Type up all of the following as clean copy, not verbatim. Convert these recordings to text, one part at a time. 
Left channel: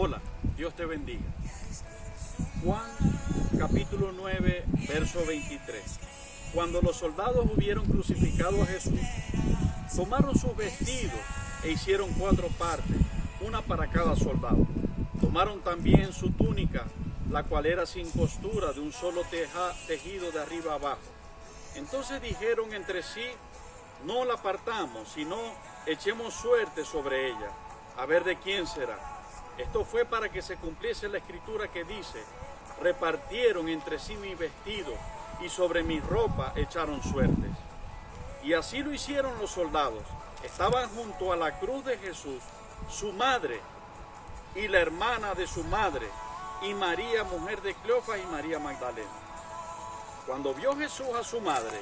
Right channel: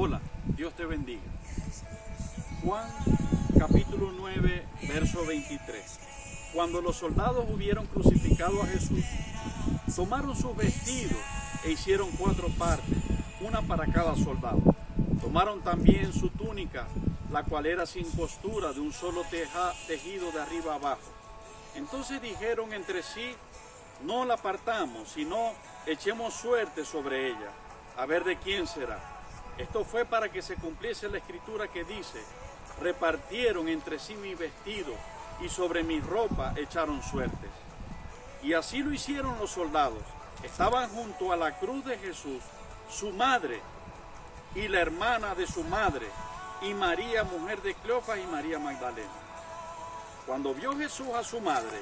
Hola, Dios te bendiga. Juan capítulo 9, verso 23. Cuando los soldados hubieron crucificado a Jesús, tomaron sus vestidos e hicieron 4 partes, una para cada soldado. Tomaron también su túnica, la cual era sin costura, de un solo tejido de arriba abajo. Entonces dijeron entre sí: no la partamos, sino echemos suerte sobre ella, a ver de quién será. Esto fue para que se cumpliese la escritura que dice: repartieron entre sí mi vestido, y sobre mi ropa echaron suertes. Y así lo hicieron los soldados. Estaban junto a la cruz de Jesús su madre y la hermana de su madre, y María, mujer de Cleofas, y María Magdalena. Cuando vio Jesús a su madre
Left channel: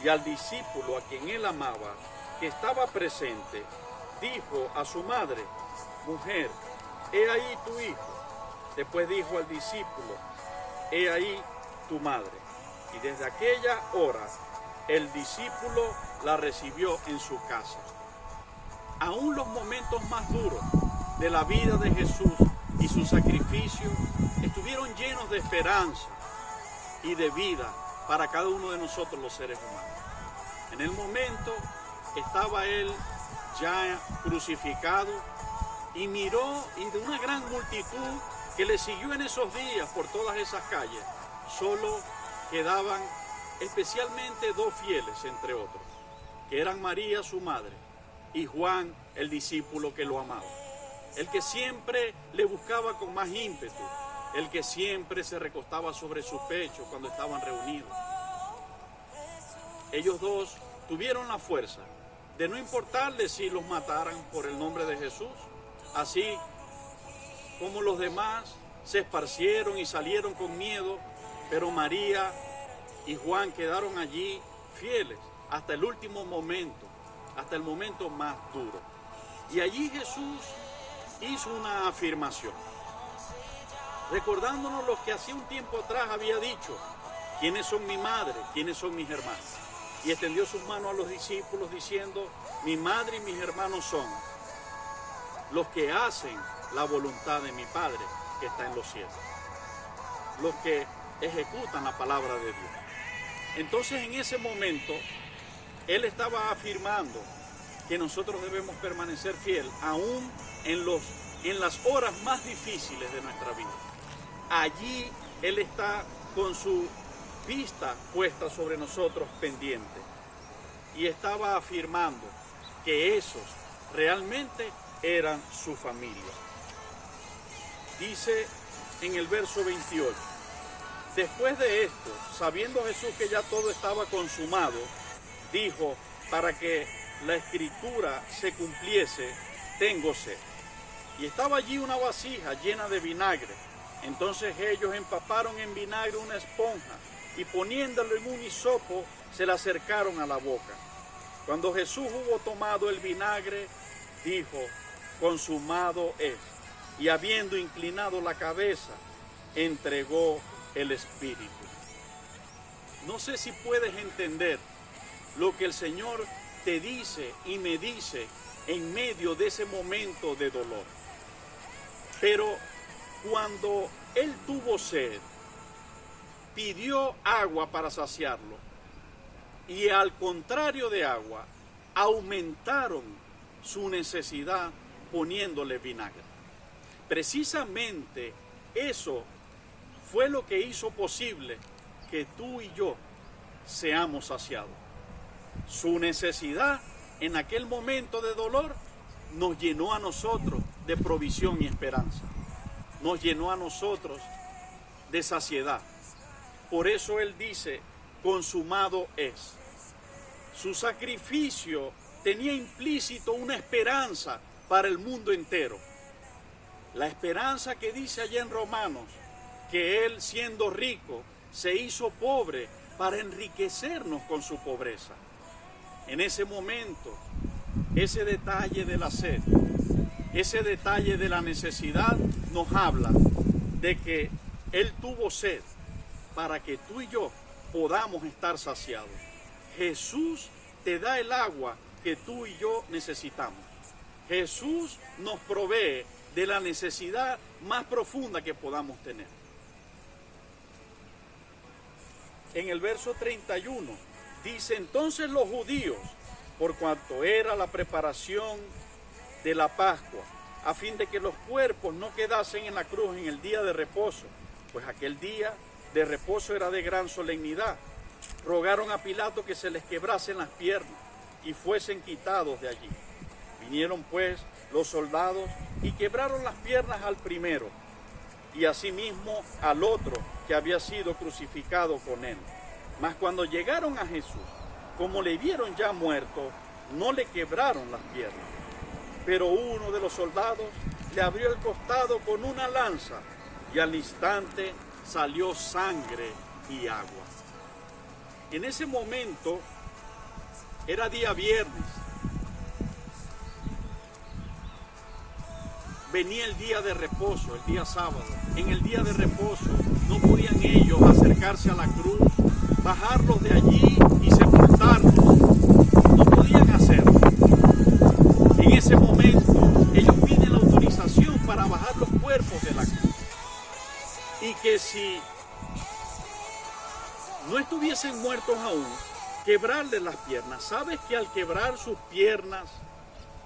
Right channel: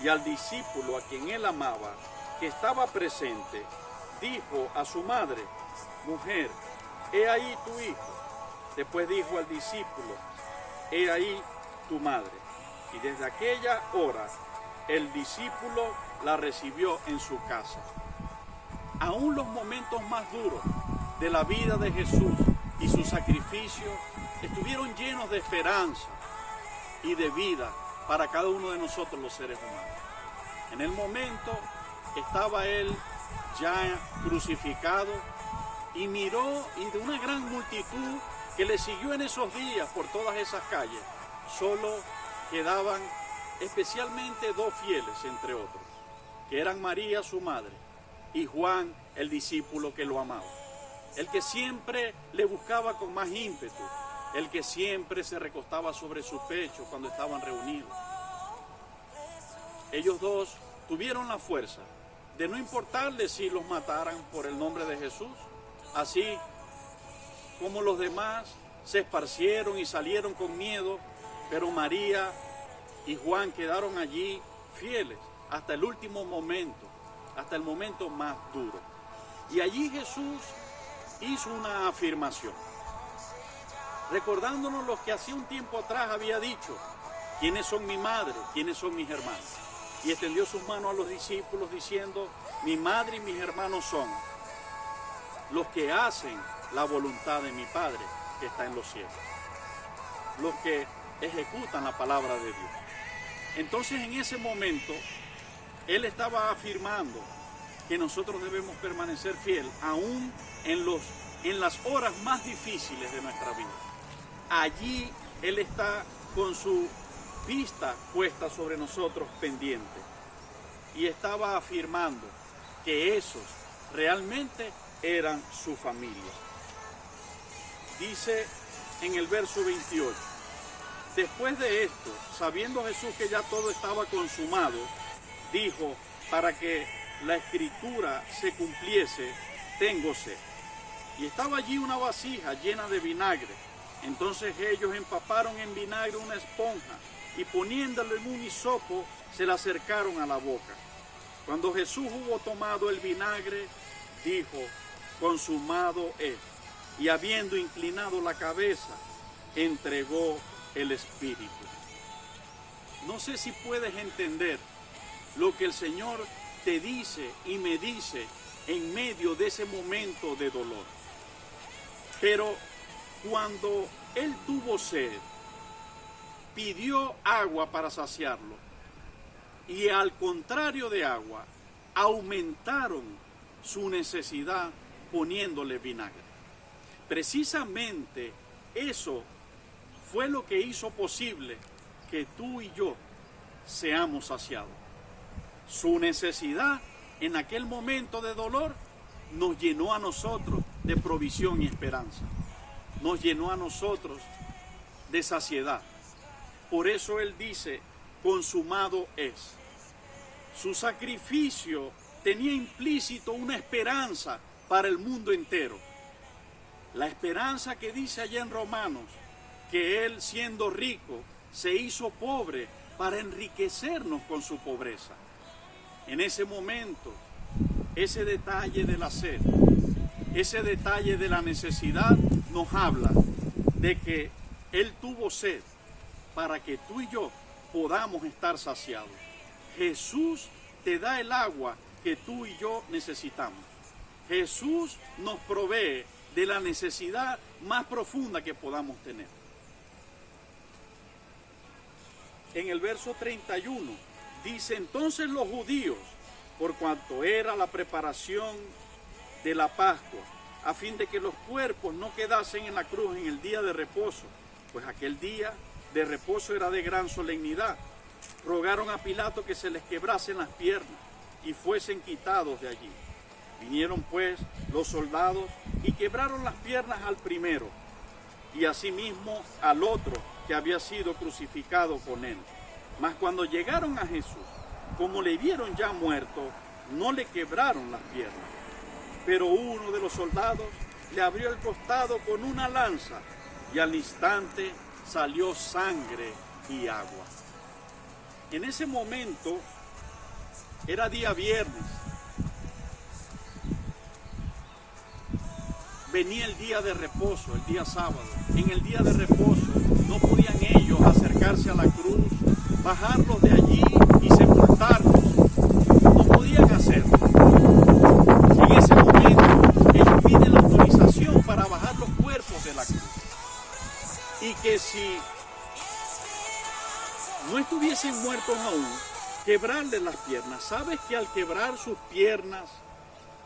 y al discípulo a quien él amaba, que estaba presente, dijo a su madre: mujer, he ahí tu hijo. Después dijo al discípulo: he ahí tu madre. Y desde aquella hora el discípulo la recibió en su casa. Aún los momentos más duros de la vida de Jesús y su sacrificio estuvieron llenos de esperanza y de vida para cada uno de nosotros los seres humanos. En el momento estaba él ya crucificado y miró, y de una gran multitud que le siguió en esos días por todas esas calles, solo quedaban especialmente 2 fieles, entre otros, que eran María, su madre, y Juan, el discípulo que lo amaba, el que siempre le buscaba con más ímpetu, el que siempre se recostaba sobre su pecho cuando estaban reunidos. Ellos dos tuvieron la fuerza de no importarles si los mataran por el nombre de Jesús, así como los demás se esparcieron y salieron con miedo, pero María y Juan quedaron allí fieles hasta el último momento, hasta el momento más duro. Y allí Jesús hizo una afirmación, recordándonos lo que hacía un tiempo atrás había dicho: ¿quiénes son mi madre? ¿Quiénes son mis hermanos? Y extendió sus manos a los discípulos diciendo: mi madre y mis hermanos son los que hacen la voluntad de mi Padre que está en los cielos, los que ejecutan la palabra de Dios. Entonces, en ese momento él estaba afirmando que nosotros debemos permanecer fiel aún en las horas más difíciles de nuestra vida. Allí él está con su vista puesta sobre nosotros, pendiente, y estaba afirmando que esos realmente eran su familia. Dice en el verso 28: después de esto, sabiendo Jesús que ya todo estaba consumado, dijo, para que la escritura se cumpliese: tengo sed. Y estaba allí una vasija llena de vinagre. Entonces ellos empaparon en vinagre una esponja y poniéndolo en un hisopo se la acercaron a la boca. Cuando Jesús hubo tomado el vinagre, dijo: consumado es. Y habiendo inclinado la cabeza, entregó el Espíritu. No sé si puedes entender lo que el Señor te dice y me dice en medio de ese momento de dolor. Pero cuando Él tuvo sed, pidió agua para saciarlo, y al contrario de agua, aumentaron su necesidad poniéndole vinagre. Precisamente eso fue lo que hizo posible que tú y yo seamos saciados. Su necesidad en aquel momento de dolor nos llenó a nosotros de provisión y esperanza. Nos llenó a nosotros de saciedad. Por eso Él dice: consumado es. Su sacrificio tenía implícito una esperanza para el mundo entero. La esperanza que dice allá en Romanos, que Él, siendo rico, se hizo pobre para enriquecernos con su pobreza. En ese momento, ese detalle de la sed, ese detalle de la necesidad nos habla de que Él tuvo sed para que tú y yo podamos estar saciados. Jesús te da el agua que tú y yo necesitamos. Jesús nos provee de la necesidad más profunda que podamos tener. En el verso 31 dice: entonces los judíos, por cuanto era la preparación de la Pascua, a fin de que los cuerpos no quedasen en la cruz en el día de reposo, pues aquel día de reposo era de gran solemnidad, rogaron a Pilato que se les quebrasen las piernas y fuesen quitados de allí. Vinieron pues los soldados y quebraron las piernas al primero y asimismo al otro que había sido crucificado con él. Mas cuando llegaron a Jesús, como le vieron ya muerto, no le quebraron las piernas. Pero uno de los soldados le abrió el costado con una lanza y al instante salió sangre y agua. En ese momento era día viernes. Venía el día de reposo, el día sábado. En el día de reposo no podían ellos acercarse a la cruz, bajarlos de allí y sepultarlos. No podían hacerlo. En ese momento ellos piden la autorización para bajar los cuerpos de la cruz. Y que si no estuviesen muertos aún, quebrarles las piernas. ¿Sabes que al quebrar sus piernas,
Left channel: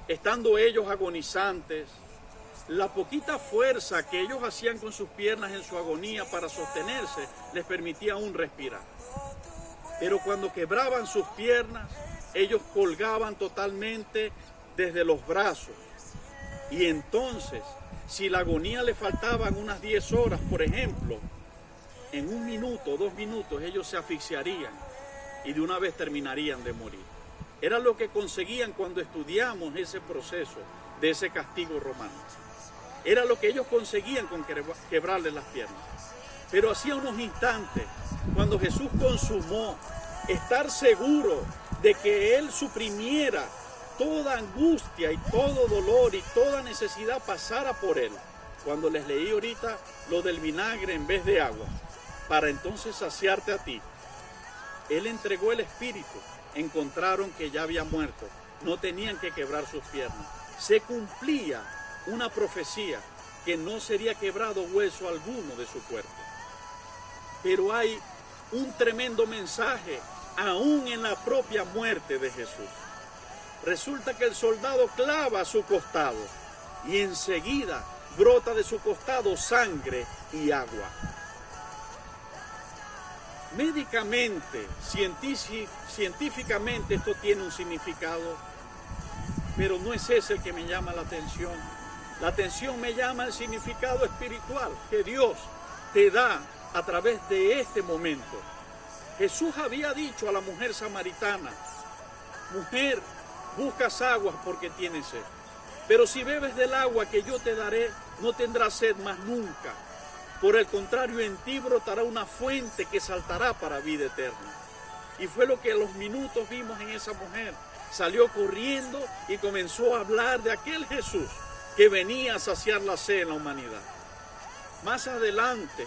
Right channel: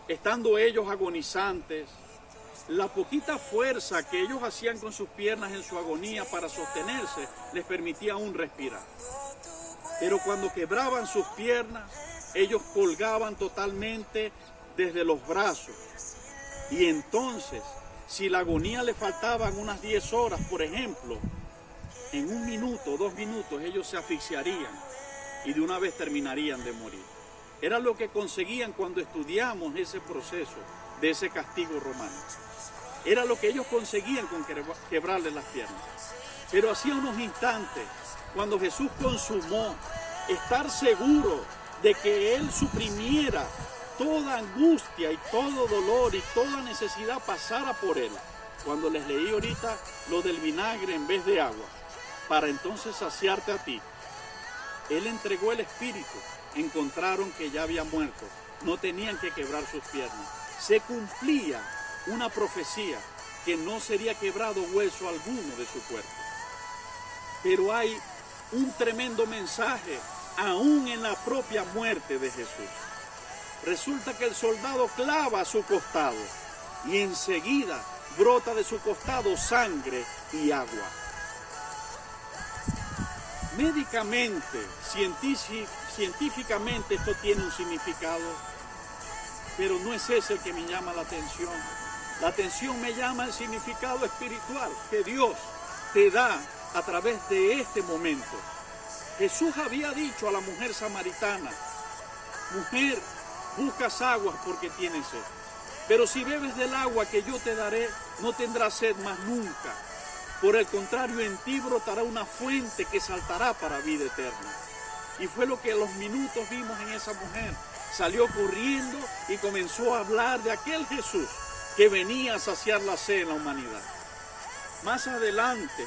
estando ellos agonizantes, la poquita fuerza que ellos hacían con sus piernas en su agonía para sostenerse, les permitía aún respirar? Pero cuando quebraban sus piernas, ellos colgaban totalmente desde los brazos. Y entonces, si la agonía le faltaban unas 10 horas, por ejemplo, en 1 minuto, 2 minutos, ellos se asfixiarían y de una vez terminarían de morir. Era lo que conseguían cuando estudiamos ese proceso de ese castigo romano. Era lo que ellos conseguían con quebrarle las piernas. Pero hacía unos instantes, cuando Jesús consumó, estar seguro de que Él suprimiera toda angustia y todo dolor y toda necesidad pasara por Él. Cuando les leí ahorita lo del vinagre en vez de agua, para entonces saciarte a ti, Él entregó el Espíritu. Encontraron que ya había muerto, no tenían que quebrar sus piernas. Se cumplía una profecía que no sería quebrado hueso alguno de su cuerpo. Pero hay un tremendo mensaje aún en la propia muerte de Jesús. Resulta que el soldado clava su costado y enseguida brota de su costado sangre y agua. Médicamente, científicamente esto tiene un significado, pero no es ese el que me llama la atención. La atención me llama el significado espiritual que Dios te da a través de este momento. Jesús había dicho a la mujer samaritana: mujer, buscas aguas porque tienes sed, pero si bebes del agua que yo te daré, no tendrás sed más nunca. Por el contrario, en ti brotará una fuente que saltará para vida eterna. Y fue lo que a los minutos vimos en esa mujer. Salió corriendo y comenzó a hablar de aquel Jesús que venía a saciar la sed en la humanidad. Más adelante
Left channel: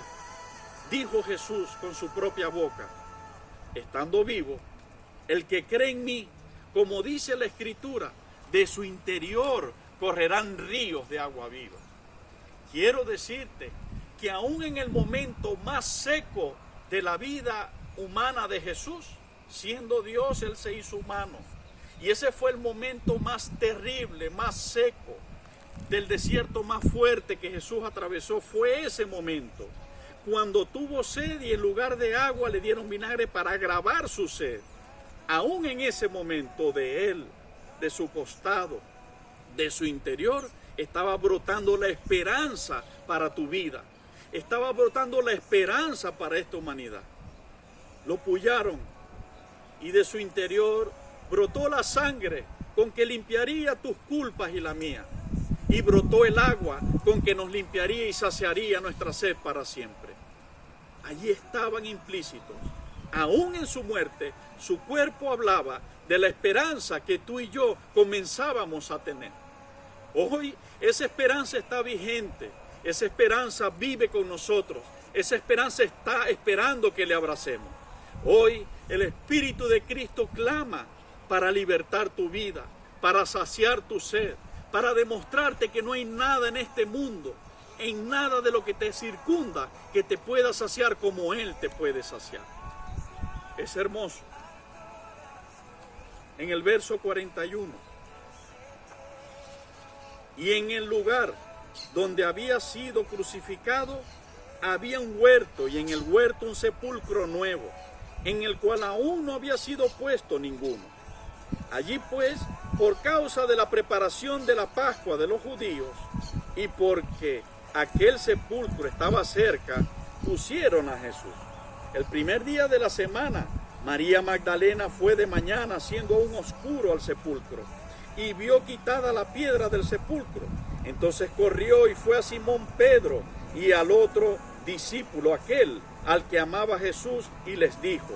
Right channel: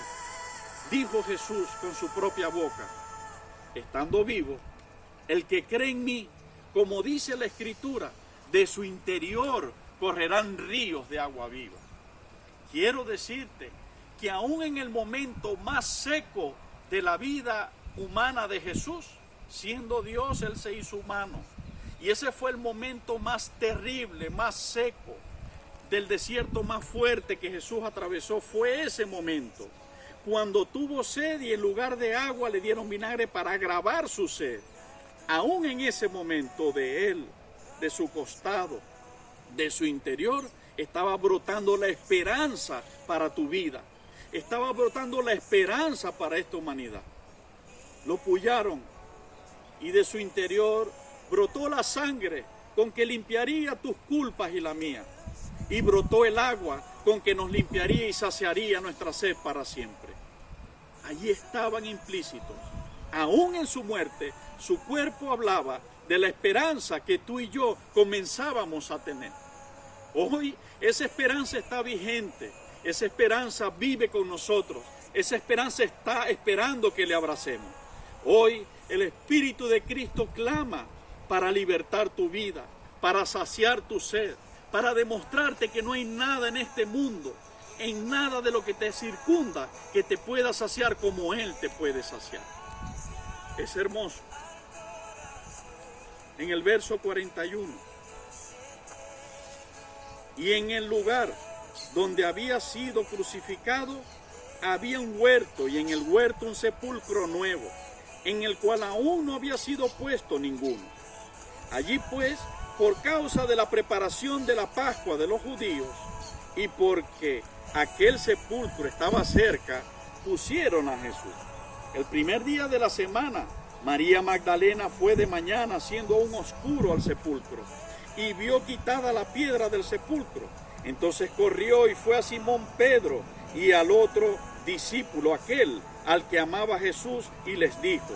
dijo Jesús con su propia boca, estando vivo: el que cree en mí, como dice la Escritura, de su interior correrán ríos de agua viva. Quiero decirte que aún en el momento más seco de la vida humana de Jesús, siendo Dios, Él se hizo humano. Y ese fue el momento más terrible, más seco, del desierto más fuerte que Jesús atravesó. Fue ese momento, cuando tuvo sed y en lugar de agua le dieron vinagre para agravar su sed. Aún en ese momento de Él, de su costado, de su interior, estaba brotando la esperanza para tu vida. Estaba brotando la esperanza para esta humanidad. Lo pullaron y de su interior brotó la sangre con que limpiaría tus culpas y la mía. Y brotó el agua con que nos limpiaría y saciaría nuestra sed para siempre. Allí estaban implícitos. Aún en su muerte, su cuerpo hablaba de la esperanza que tú y yo comenzábamos a tener. Hoy esa esperanza está vigente. Esa esperanza vive con nosotros. Esa esperanza está esperando que le abracemos. Hoy el Espíritu de Cristo clama para libertar tu vida, para saciar tu sed, para demostrarte que no hay nada en este mundo, en nada de lo que te circunda, que te pueda saciar como Él te puede saciar. Es hermoso. En el verso 41. Y en el lugar donde había sido crucificado, había un huerto, y en el huerto un sepulcro nuevo, en el cual aún no había sido puesto ninguno. Allí pues, por causa de la preparación de la Pascua de los judíos, y porque aquel sepulcro estaba cerca, pusieron a Jesús. El primer día de la semana, María Magdalena fue de mañana, siendo aún oscuro, al sepulcro, y vio quitada la piedra del sepulcro. Entonces corrió y fue a Simón Pedro y al otro discípulo, aquel al que amaba Jesús, y les dijo:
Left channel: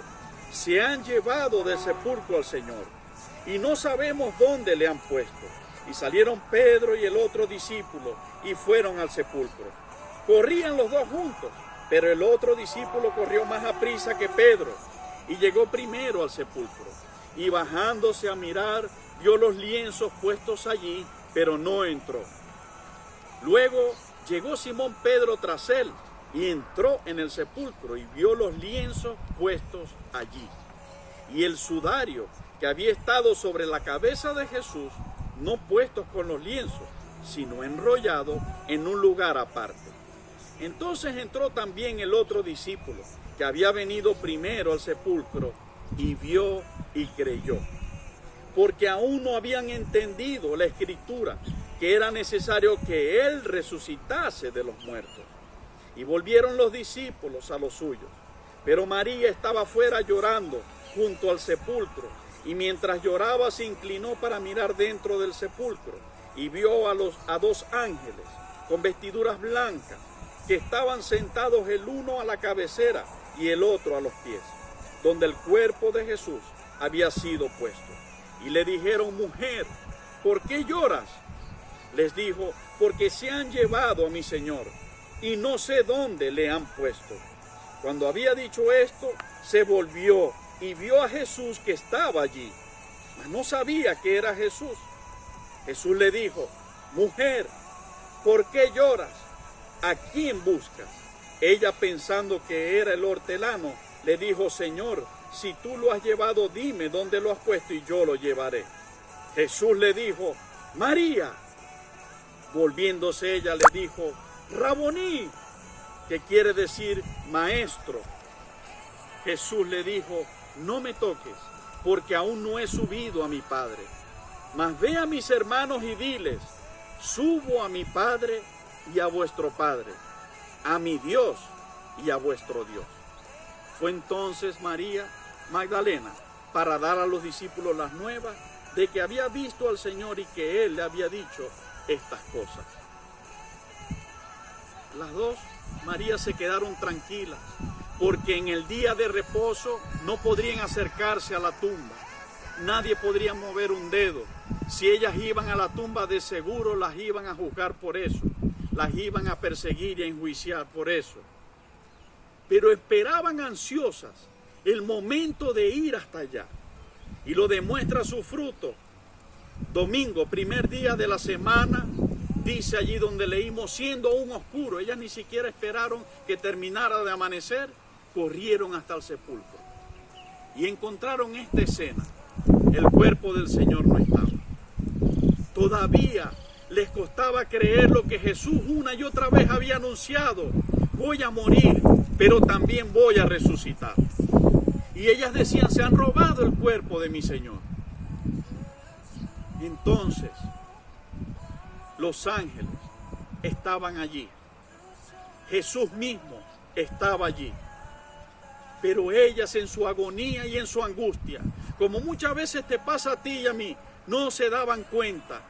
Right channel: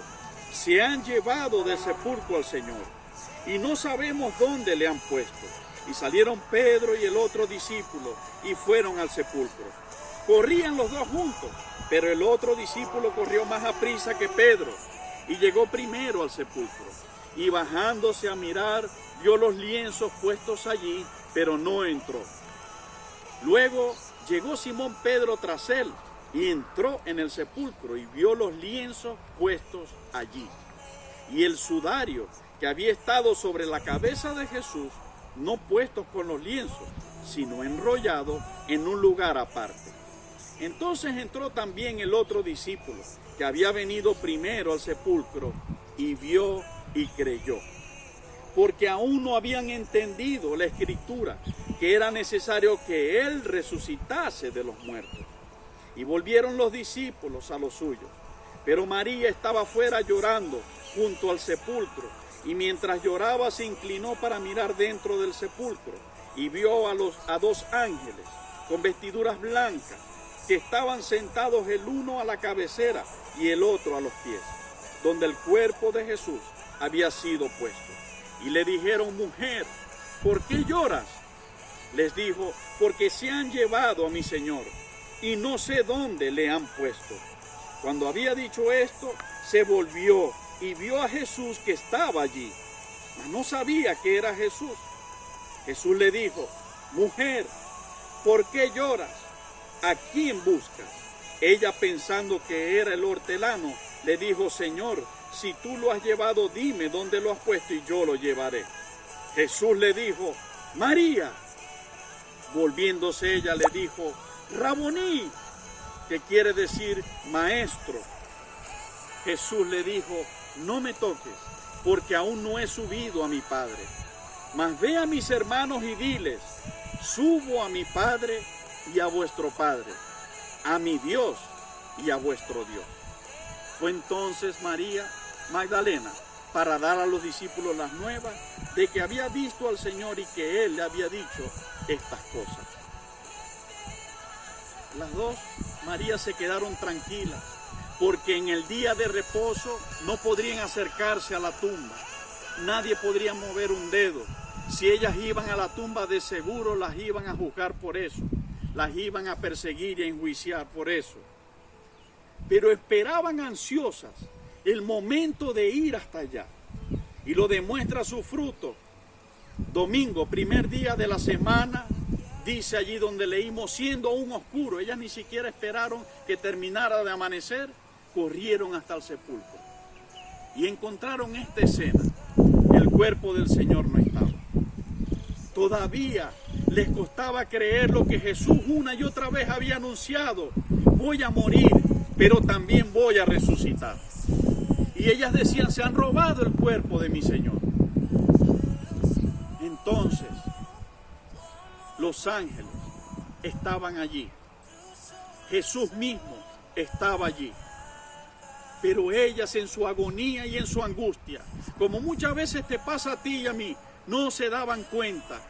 se han llevado del sepulcro al Señor, y no sabemos dónde le han puesto. Y salieron Pedro y el otro discípulo, y fueron al sepulcro. Corrían los dos juntos, pero el otro discípulo corrió más aprisa que Pedro, y llegó primero al sepulcro. Y bajándose a mirar, vio los lienzos puestos allí, pero no entró. Luego llegó Simón Pedro tras él, y entró en el sepulcro, y vio los lienzos puestos allí, y el sudario que había estado sobre la cabeza de Jesús, no puestos con los lienzos, sino enrollado en un lugar aparte. Entonces entró también el otro discípulo, que había venido primero al sepulcro, y vio y creyó, porque aún no habían entendido la Escritura, que era necesario que Él resucitase de los muertos. Y volvieron los discípulos a los suyos, pero María estaba afuera llorando junto al sepulcro, y mientras lloraba se inclinó para mirar dentro del sepulcro, y vio a dos ángeles con vestiduras blancas, que estaban sentados el uno a la cabecera y el otro a los pies, donde el cuerpo de Jesús había sido puesto. Y le dijeron: mujer, ¿por qué lloras? Les dijo: porque se han llevado a mi Señor, y no sé dónde le han puesto. Cuando había dicho esto, se volvió y vio a Jesús que estaba allí, mas no sabía que era Jesús. Jesús le dijo: mujer, ¿por qué lloras? ¿A quién buscas? Ella, pensando que era el hortelano, le dijo: Señor, si tú lo has llevado, dime dónde lo has puesto y yo lo llevaré. Jesús le dijo: María. Volviéndose ella le dijo: Raboní, que quiere decir maestro. Jesús le dijo: no me toques, porque aún no he subido a mi Padre. Mas ve a mis hermanos y diles: subo a mi Padre y a vuestro Padre, a mi Dios y a vuestro Dios. Fue entonces María Magdalena para dar a los discípulos las nuevas de que había visto al Señor y que Él le había dicho estas cosas. Las dos Marías se quedaron tranquilas, porque en el día de reposo no podrían acercarse a la tumba. Nadie podría mover un dedo. Si ellas iban a la tumba, de seguro las iban a juzgar por eso. Las iban a perseguir y a enjuiciar por eso. Pero esperaban ansiosas el momento de ir hasta allá. Y lo demuestra su fruto. Domingo, primer día de la semana, dice allí donde leímos, siendo aún oscuro. Ellas ni siquiera esperaron que terminara de amanecer. Corrieron hasta el sepulcro. Y encontraron esta escena. El cuerpo del Señor no estaba. Todavía les costaba creer lo que Jesús una y otra vez había anunciado: voy a morir, pero también voy a resucitar. Y ellas decían: se han robado el cuerpo de mi Señor. Entonces, los ángeles estaban allí. Jesús mismo estaba allí. Pero ellas, en su agonía y en su angustia, como muchas veces te pasa a ti y a mí, no se daban cuenta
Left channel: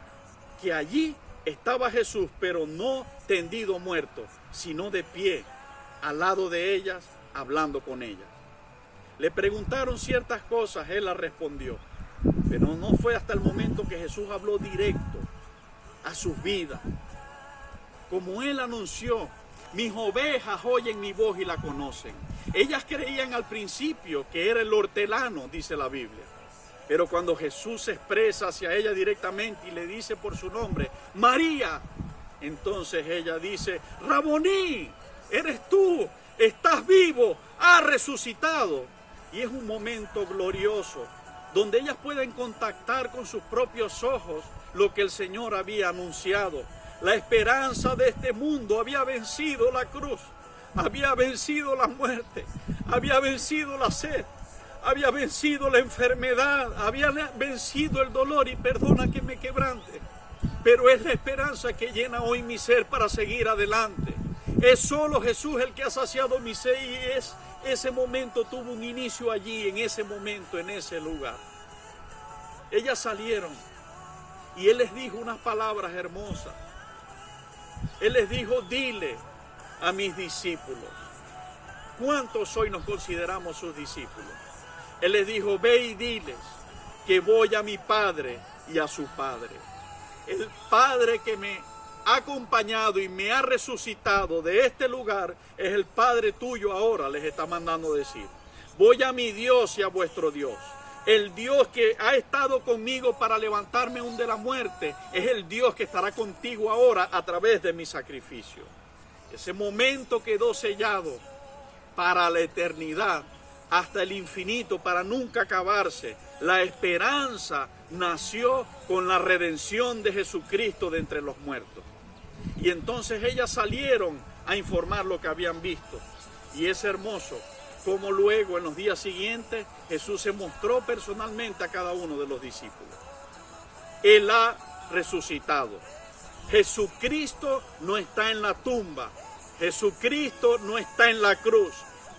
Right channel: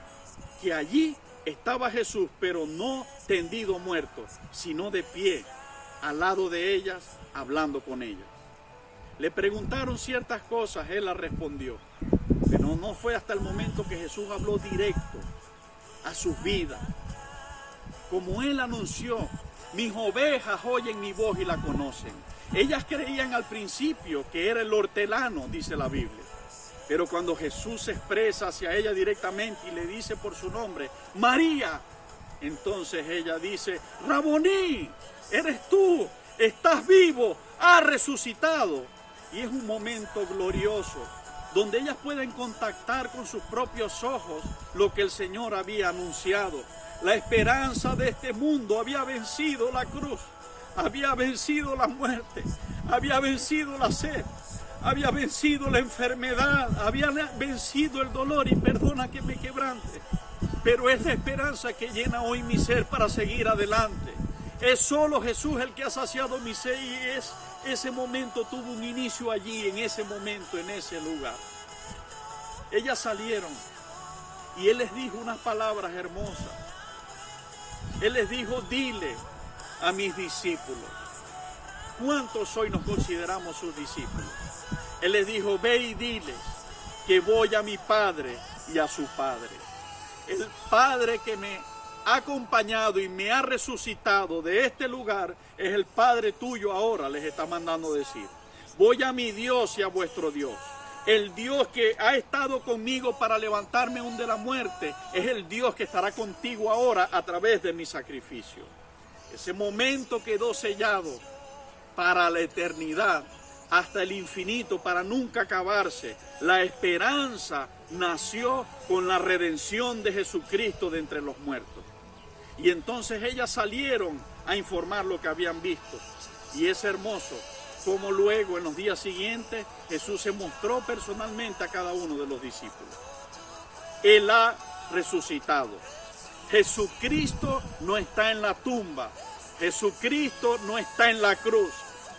que allí estaba Jesús, pero no tendido muerto, sino de pie, al lado de ellas, hablando con ellas. Le preguntaron ciertas cosas, Él las respondió, pero no fue hasta el momento que Jesús habló directo a sus vidas. Como Él anunció: mis ovejas oyen mi voz y la conocen. Ellas creían al principio que era el hortelano, dice la Biblia. Pero cuando Jesús se expresa hacia ella directamente y le dice por su nombre, María, entonces ella dice, Raboní, eres tú, estás vivo, has resucitado. Y es un momento glorioso, donde ellas pueden contactar con sus propios ojos lo que el Señor había anunciado. La esperanza de este mundo había vencido la cruz, había vencido la muerte, había vencido la sed, había vencido la enfermedad, había vencido el dolor, y perdona que me quebrante, pero es la esperanza que llena hoy mi ser para seguir adelante. Es solo Jesús el que ha saciado mi sed, y ese momento tuvo un inicio allí, en ese momento, en ese lugar. Ellas salieron y Él les dijo unas palabras hermosas. Él les dijo, dile a mis discípulos. ¿Cuántos hoy nos consideramos sus discípulos? Él les dijo, ve y dile que voy a mi Padre y a su Padre. El Padre que me ha acompañado y me ha resucitado de este lugar es el Padre tuyo ahora, les está mandando decir. Voy a mi Dios y a vuestro Dios. El Dios que ha estado conmigo para levantarme aún de la muerte es el Dios que estará contigo ahora a través de mi sacrificio. Ese momento quedó sellado para la eternidad, hasta el infinito, para nunca acabarse. La esperanza nació con la redención de Jesucristo de entre los muertos. Y entonces ellas salieron a informar lo que habían visto. Y es hermoso como luego en los días siguientes Jesús se mostró personalmente a cada uno de los discípulos. Él ha resucitado. Jesucristo no está en la tumba. Jesucristo no está en la cruz.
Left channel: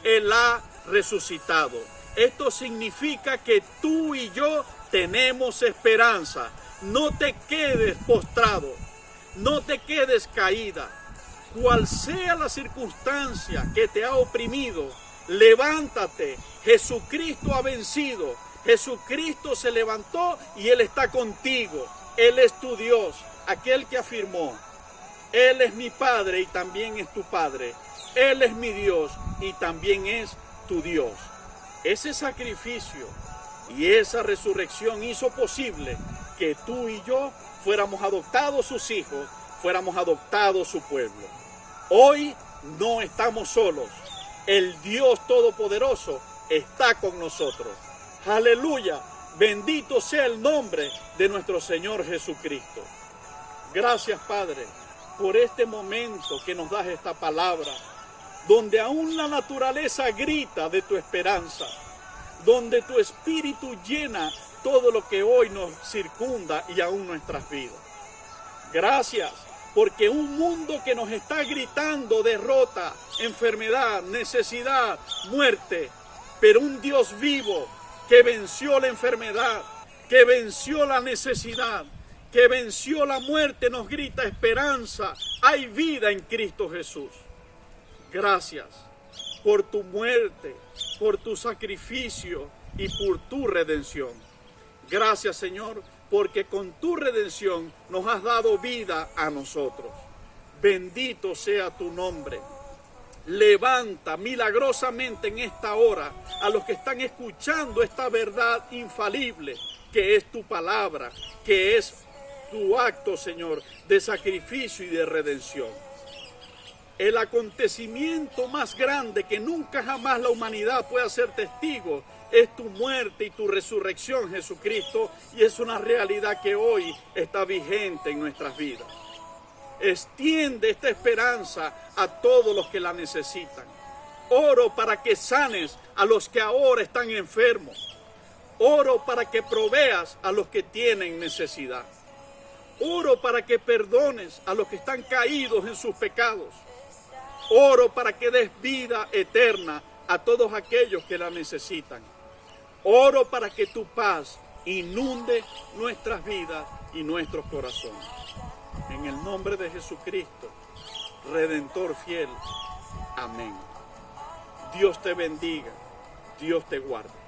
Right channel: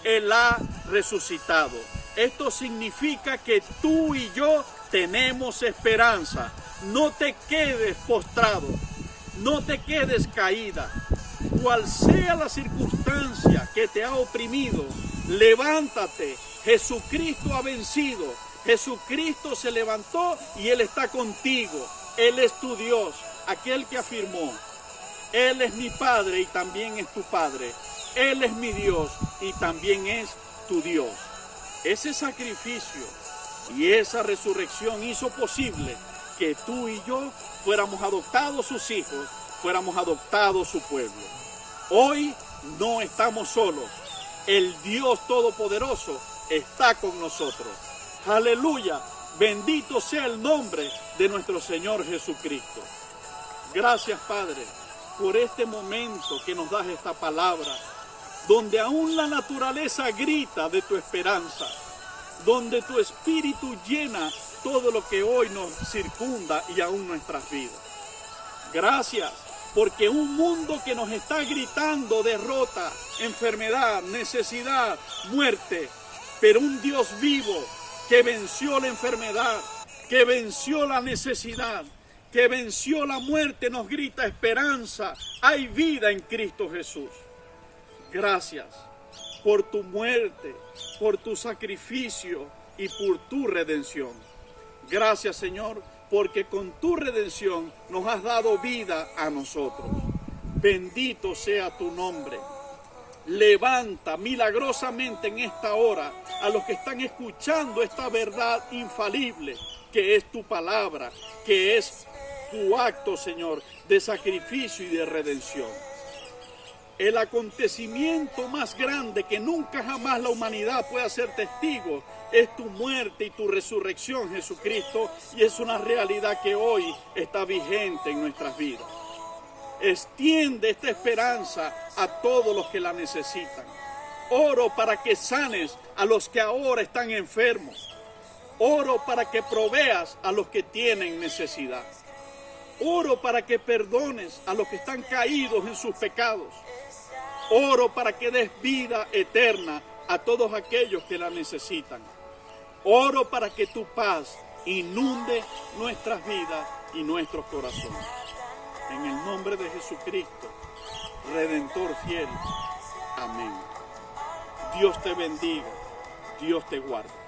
Él ha resucitado. Esto significa que tú y yo tenemos esperanza. No te quedes postrado, no te quedes caída. Cual sea la circunstancia que te ha oprimido, levántate. Jesucristo ha vencido. Jesucristo se levantó y Él está contigo. Él es tu Dios, aquel que afirmó, Él es mi Padre y también es tu Padre. Él es mi Dios y también es tu Dios. Ese sacrificio y esa resurrección hizo posible que tú y yo fuéramos adoptados sus hijos, fuéramos adoptados su pueblo. Hoy no estamos solos. El Dios Todopoderoso está con nosotros. Aleluya. Bendito sea el nombre de nuestro Señor Jesucristo. Gracias, Padre, por este momento que nos das esta palabra, donde aún la naturaleza grita de tu esperanza, donde tu espíritu llena todo lo que hoy nos circunda y aún nuestras vidas. Gracias, porque un mundo que nos está gritando derrota, enfermedad, necesidad, muerte, pero un Dios vivo que venció la enfermedad, que venció la necesidad, que venció la muerte, nos grita esperanza. Hay vida en Cristo Jesús. Gracias por tu muerte, por tu sacrificio y por tu redención. Gracias, Señor, porque con tu redención nos has dado vida a nosotros. Bendito sea tu nombre. Levanta milagrosamente en esta hora a los que están escuchando esta verdad infalible, que es tu palabra, que es tu acto, Señor, de sacrificio y de redención. El acontecimiento más grande que nunca jamás la humanidad puede ser testigo es tu muerte y tu resurrección, Jesucristo, y es una realidad que hoy está vigente en nuestras vidas. Extiende esta esperanza a todos los que la necesitan. Oro para que sanes a los que ahora están enfermos. Oro para que proveas a los que tienen necesidad. Oro para que perdones a los que están caídos en sus pecados. Oro para que des vida eterna a todos aquellos que la necesitan. Oro para que tu paz inunde nuestras vidas y nuestros corazones. En el nombre de Jesucristo, Redentor fiel. Amén. Dios te bendiga. Dios te guarde.